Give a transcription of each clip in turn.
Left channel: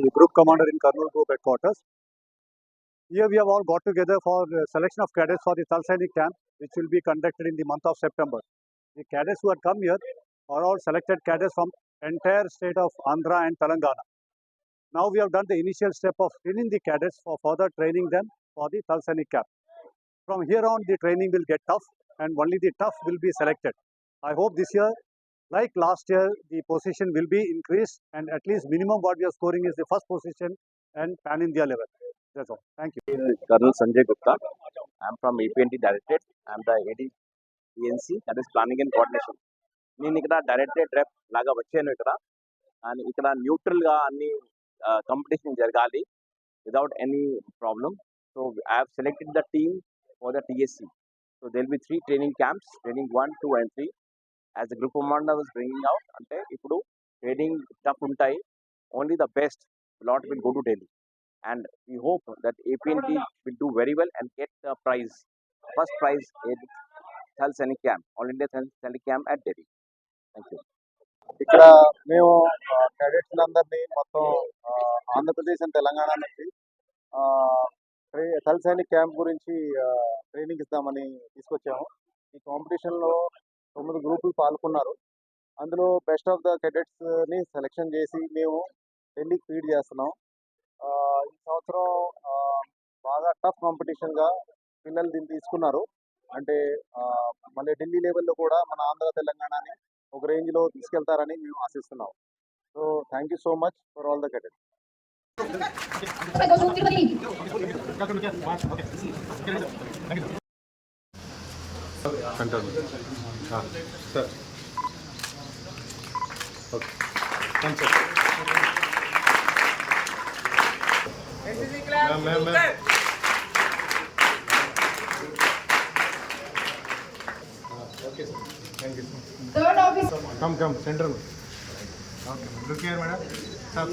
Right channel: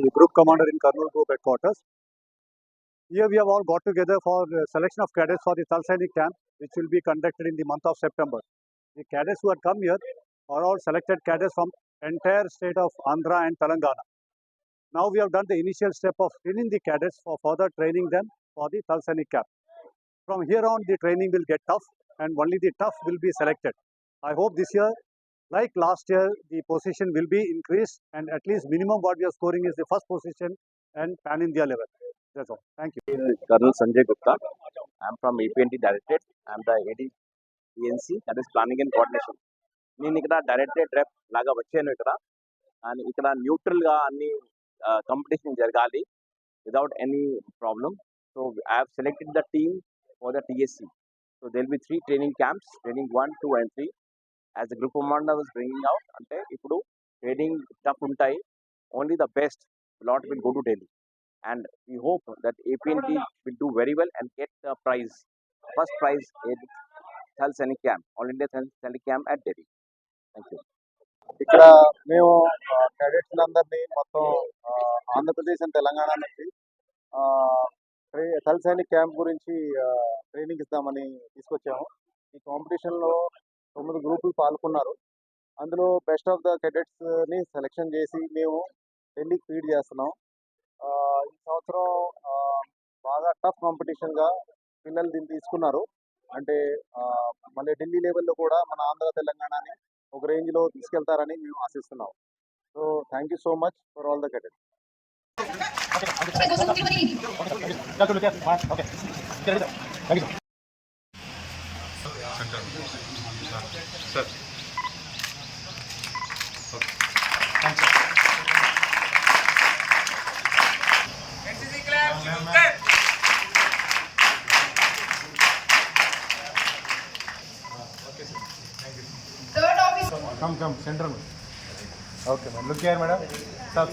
the group commander in Kurnool Group headquarters. Here we have all got together for selection of cadets for the Thal Sainik camp, which will be conducted in the month of September. The cadets who had come here are all selected cadets from entire state of Andhra and Telangana. Now we have done the initial step of screening the cadets for further training them for the Thal Sainik camp. From here on, the training will get tough, and only the tough will be selected. I hope this year, like last year, the position will be increased, and at least minimum what we are scoring is the first position and pan India level. That's all. Thank you. Colonel Sanjay Gupta. I'm from APNT Directorate. I'm the AD PNC, that is Planning and Coordination. నేను ఇక్కడ directorate రెప్ లాగా వచ్చాను ఇక్కడ న్యూట్రల్గా అన్ని competition జరగాలి without any problem. So I have selected the team for the TSC. So there will be 3 training camps, training 1, 2 and 3. As the group commander was bringing out, ante ippudu training tough untai, only the best lot will go to Delhi. And we hope that APNT will do very well and get the prize, first prize in Thal Sainik camp, All India Thal Sainik camp at Delhi. Thank you. ఇక్కడ మేము cadets అందరినీ మొత్తం Andhra Pradesh and Telangana నుంచి థల్ Sainik camp గురించి training ఇద్దామని తీసుకొచ్చాము. ఈ కాంపిటీషన్లో 9 గ్రూపులు పాల్గొన్నారు. అందులో బెస్ట్ ఆఫ్ ద క్యాడెట్స్ని సెలెక్షన్ చేసి మేము ఢిల్లీకి ఫీడ్ చేస్తున్నాం. ఈ సంవత్సరం బాగా టఫ్ కాంపిటీషన్గా పిల్లలు దీన్ని తీసుకున్నారు. అంటే మళ్ళీ ఢిల్లీ లెవెల్లో కూడా మన ఆంధ్ర తెలంగాణని ఒక రేంజ్లో తీసుకెళ్తారని మేము ఆశిస్తున్నాం. So thank you so much for all the cadets. Third officer. Come, center. Okay, look here, madam. Sir.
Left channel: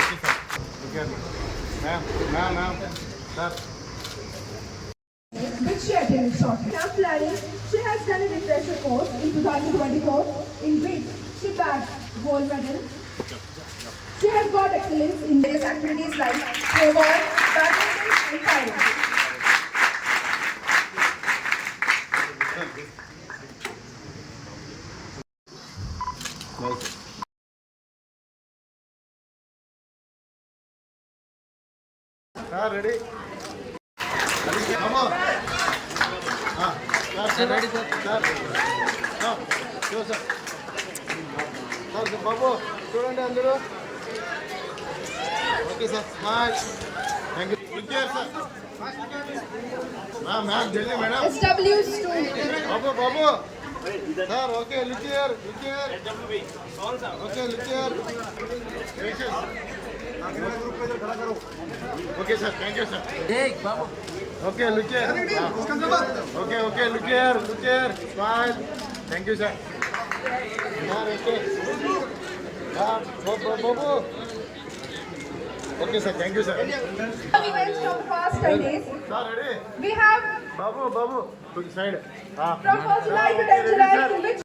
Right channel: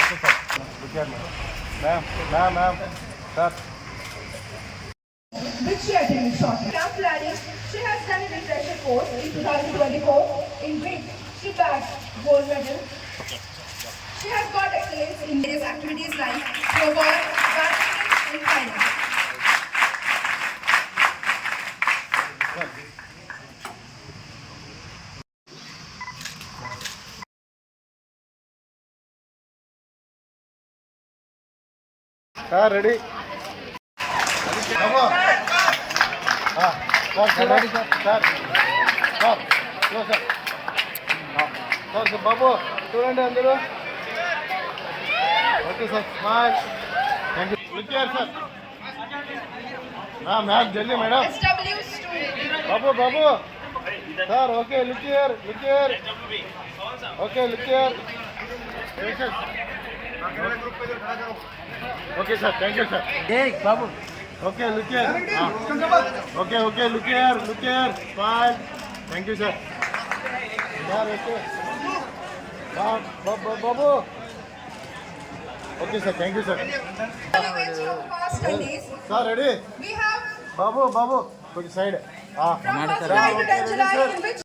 Okay, sir. Look here, ma'am. Sir. Which she attended short. Camp planning, she has done a refresher course in 2024, in which she bagged gold medal. She has got excellence in various activities like snowball, badminton, and climbing. Sir, ready? Come on. Sir, ready, sir. Stop. Go, sir. Sir, Babu, student andru. Okay, sir. Smile. Thank you. Look here, sir. Ma'am, Delhi, madam. SW student. Babu. Sir, okay, look here. Okay, look here. Okay, sir. Thank you, sir. Hey, Babu. Okay, look here. Okay, look here. Smile. Thank you, sir. Okay. Babu. Okay, sir. Thank you, sir. Events from the past 10 days. Sir, ready? We have Babu. Good side. from 1st July to 10th July, in which